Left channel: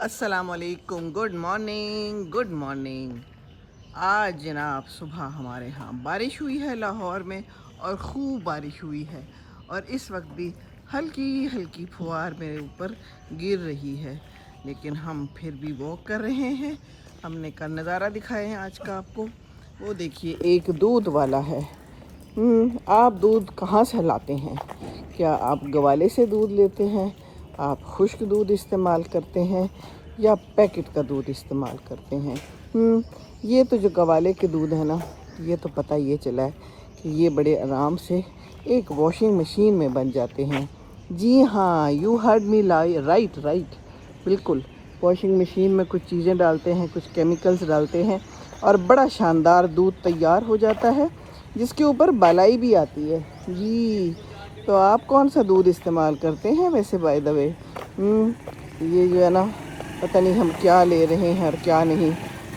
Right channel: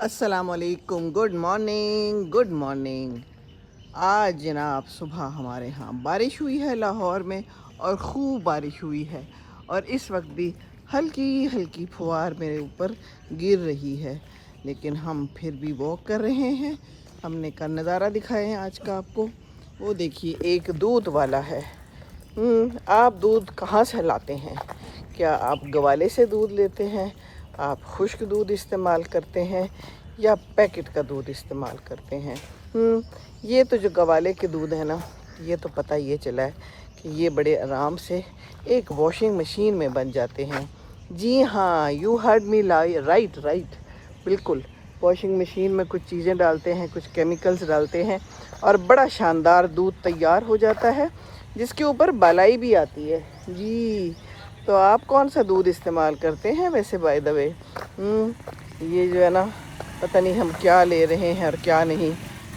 अस्सलाम वालेकुम, good morning. आज जनाब सुबह हमारे यहाँ बारिश हुई है लाहौर में, और ख़ूब बारिश हुई है। और इस वक्त भी हल्की हल्की फुहार मेरे ऊपर गिर रही है, लेकिन हम फिर भी वॉक कर रहे हैं। हमने का नज़ारा दिखाए हैं आज का आपको। वो देखिए, एक दूध वाला है। आप दूध कहाँ से लाते हैं? क्या आप गवाले से दूध लेते हैं? आप खुश्क दूध इस्तेमाल करते हैं या पैकेट का दूध इस्तेमाल करते हैं? ये तो जो गवाले के दूध है ना, ये तो पता ये चला है कि ये बड़े आराम से एक वॉशिंग मशीन में बन जाते हैं। जी हाँ, you heard me right right, बिल्कुल। वॉशिंग मशीन में कुछ चीज़ें डालते हैं, कुछ केमिकल्स डालते हैं, और बड़ा शानदार दूध तैयार हो जाता है, जिसके ऊपर बालाई भी आती है। जी, तो आप कौन सा दूध इस्तेमाल करते हैं वैसे, बाय द वे? ये जो है ना, पता नहीं हम क्या ले रहे हैं और क्या नहीं।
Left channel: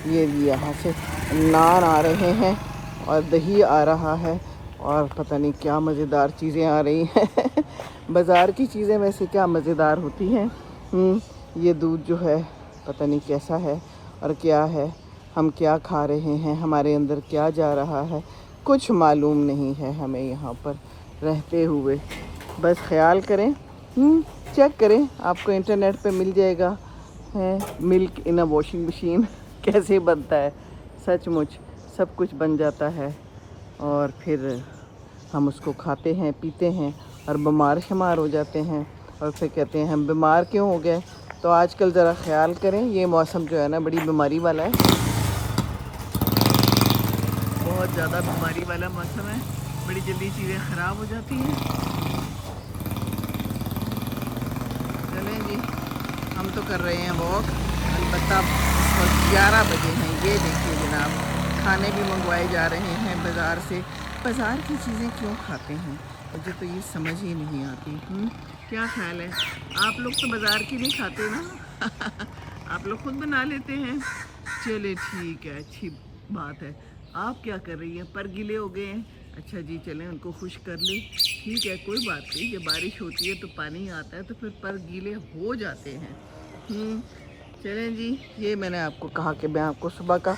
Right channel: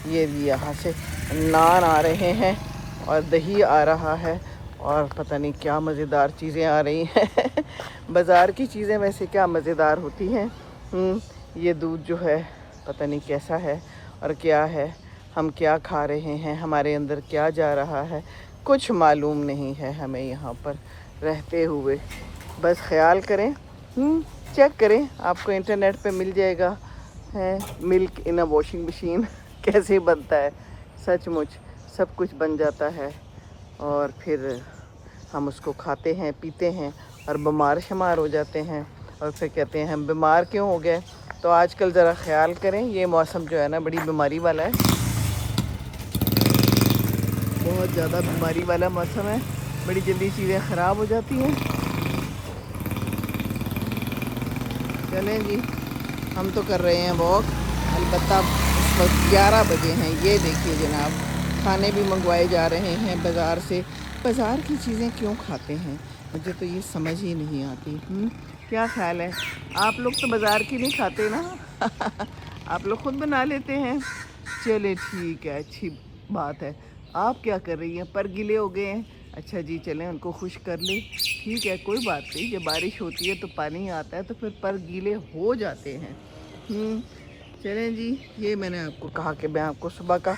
ये यहाँ से नान आ रहे हैं और दही आ रहा है, और पता नहीं क्या मज़ेदार चीज़ें आ रही हैं। बाज़ार की चीज़ें वैसे क्या मज़ेदार होती हैं। ये दूध जो है पता नहीं कैसा है और क्या है, हम क्या खा रहे हैं, हमारे अंदर क्या जा रहा है, कुछ मालूम नहीं है हमें यहाँ पर रहते हुए। बस ख्याल करें, चेक करें, आपको इंटरनेट पे मिल जाएगा है milk in a washing machine कैसे बनता है। सचमुच सब कुछ बन जाता है, और फिर हम उसको खाते हैं, पीते हैं, और बीमार शुमार हो जाते हैं, और फिर कहते हैं हम बीमार क्यों हो गए। तो आजकल ज़रा ख्याल करें, ये मौसम जो है ना बड़ी बीमारी वाला है, बहुत ज़्यादा बीमारी वाला मौसम है। बड़ी जल्दी चीज़ें ख़राब हो जाती हैं। चलें जी, हम तो कर रहे हैं वॉक। अलबत्ता इस वक्त 11 बजे हैं। ये देखिए जनाब, खाने भी मंगवाए जा रहे हैं बाज़ार से। बाज़ार की चीज़ें क्यों खाते हैं, मुझे तो ये समझ ही नहीं आती। क्या ख्याल है, आप लोग तो बाज़ार की नहीं खाते ना? आप लोग खुद बना लेते हैं। चले ठीक है, अच्छी बात है। आप क्या कर रही हैं? पर गीले हो गए हैं। अच्छा जी, चलें उनको खुश कर ले। ठीक है, कोई बात नहीं, जब बारिश होती है तो पानी आता है तो फिर पर गीले हो जाते हैं। चलें जी, ये मैंने आपको कहा कि मैं आपको सुबह का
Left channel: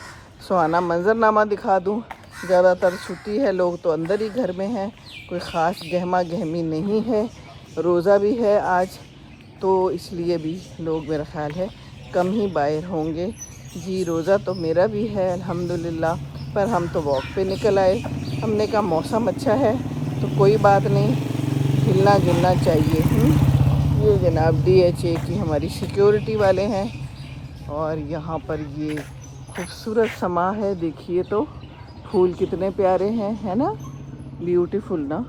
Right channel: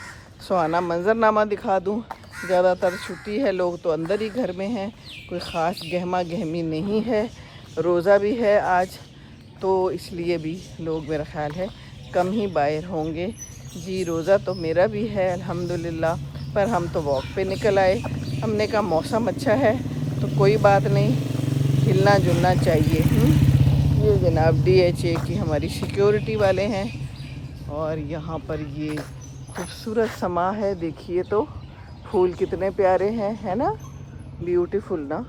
सुहाना मंजरनामा दिखा दूं। ज़्यादातर छुट्टी है, लोग तो अंदर ही घर में हैं, कोई ख़ास गहमा गहमी नहीं है। रोज़ा भी है आज, तो इसलिए भी लोग मेरा ख्याल है कम ही बाहर होंगे। जी, रोज़ा तो मेरा भी है अल्हम्दुलिल्लाह, पर हम तो वॉक पे निकल आए। हमने कहा मौसम अच्छा है तो कोई बात नहीं, हिलना जुलना चाहिए। ये जनाब DHA की हमारी सिक्योरिटी वाले हैं, और यहाँ पर ये खूबसूरत समा है। देखिए तो फूल कितने प्यारे हैं, है ना? ब्यूटीफुल ना।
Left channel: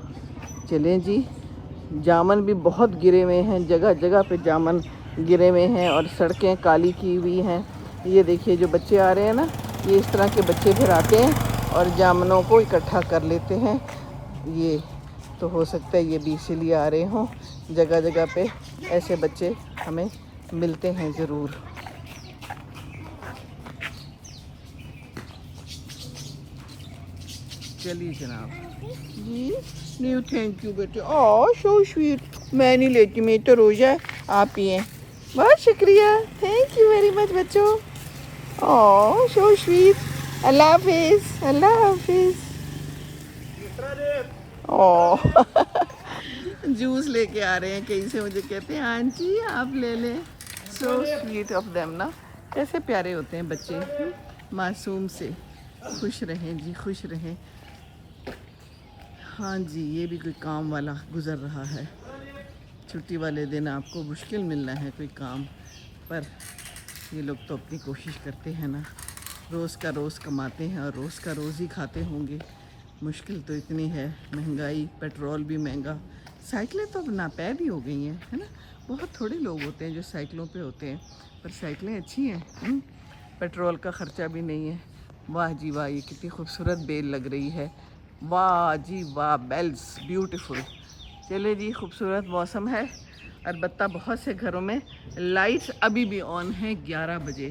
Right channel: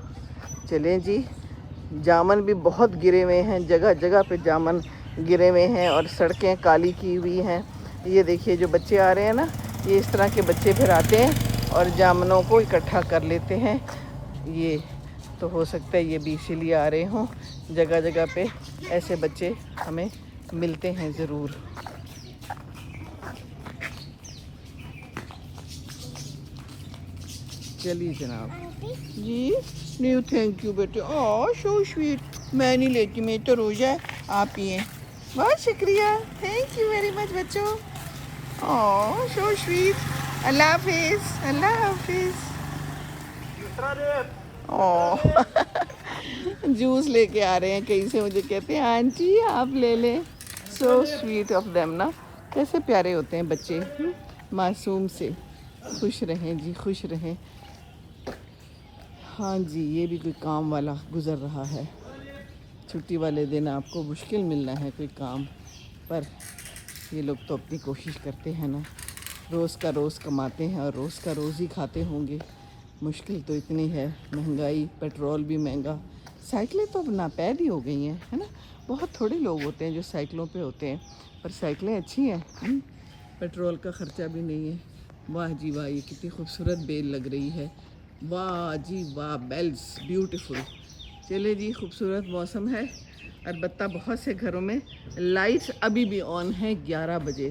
चलें जी, जामन भी बहुत गिरे हुए हैं, जगह जगह पे जामन गिरे हुए हैं, और सड़कें काली की हुई हैं। ये देखिए जो बच्चे आ रहे हैं ना, ये इस तरह के बच्चे फिर आते हैं और जामनों को इकट्ठा कर लेते हैं। ये तो हो सकता है ये भी इसीलिए आ रहे हों, जगह जगह पे ऐसे बच्चे हमें मिलते हैं ज़रूर। चलिए जनाब जी, न्यू थैंक यू बेटे। ओह सो स्वीट। मैं नहीं लेती, मेरी तो रोज़ा है, आप ही हैं। बहुत शुक्रिया, थैंक यू वेरी मच बच्चों। ओह सो स्वीट। अल्लाह हाफिज़, अल्लाह हाफिज़। ओह जूस लेके आ रहे हैं कहीं से, मुझे कहते हैं आंटी आप ले लें। सो स्वीट ऑफ देम ना, कैसे प्यारे होते हैं बच्चे, मासूम से। खुश रहें जी, खुश रहें। हाँ जी, ये भी कोई काम वाला गुज़र रहा है। छुट्टी वाले दिन आपको मुश्किल मिलना है कोई काम, पर ये लोग तो अपनी कोशिश करते हैं ना। रोज़ का रोज़ कमाते हैं और रोज़ का रोज़ ही खाते होंगे। मुश्किल तो इतनी है, महंगाई, पेट्रोल भी महंगा। साइकिलें तो नापैद ही हो गई हैं, है ना? बहुत थोड़े लोग होते हैं जो साइकिलों पे होते हैं, पर साइकिलें अच्छी हैं। पेट्रोल का ख़र्चा भी नहीं है। वाह जी वाह, ये कितनी खूबसूरत बेल लग रही है। वाह जी वाह, बेल्स ब्यूटीफुल। चले जी, खूबसूरत मौसम है। अलबत्ता बहुत से घरों में लाइट्स अभी भी ऑन है 11 बजे।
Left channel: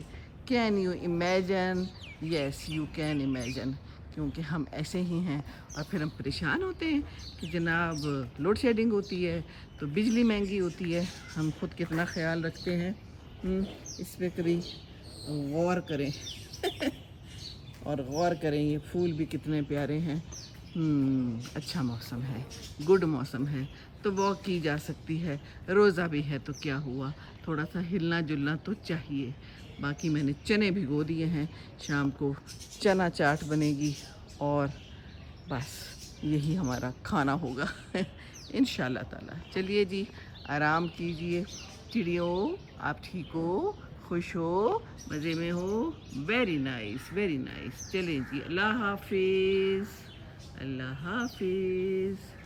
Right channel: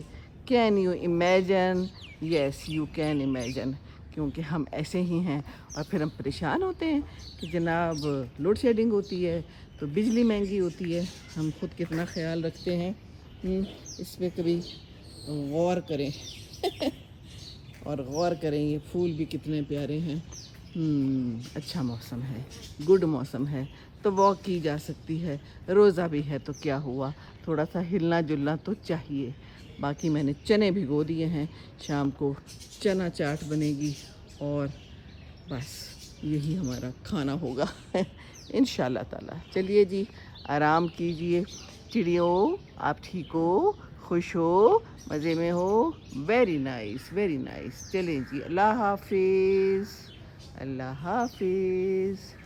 Can you imagine? Yes you can imagine, क्योंकि हम ऐसे ही हैं। और फिर हम परेशान होते हैं कि जनाब लोड शेडिंग होती है तो बिजली महंगी होती है। हम खुद कितना ख्याल रखते हैं, اس پہ کبھی غور کریں اور غور کریں یہ پھول بھی کتنے پیارے ہیں. اچھا موسم ہے, گڈ موسم ہے, تو واک کی جا سکتی ہے. روزہ بھی ہے تو کیا ہوا, تھوڑا سا ہلنا جلنا تو چاہیے. باقی میں نے چنے بھگو دیے ہیں, شام کو چنا چاٹ بنے گی اور بس یہی ہمارا کھانا ہوگا انشاءاللہ تعالی. چلیے جی, آرام کیجیے. چڑیوں آپ ٹھیک ہو, خوش ہو, مزے میں ہو؟ Very nice very nice. چلیں جی, اللہ حافظ. اللہ حافظ.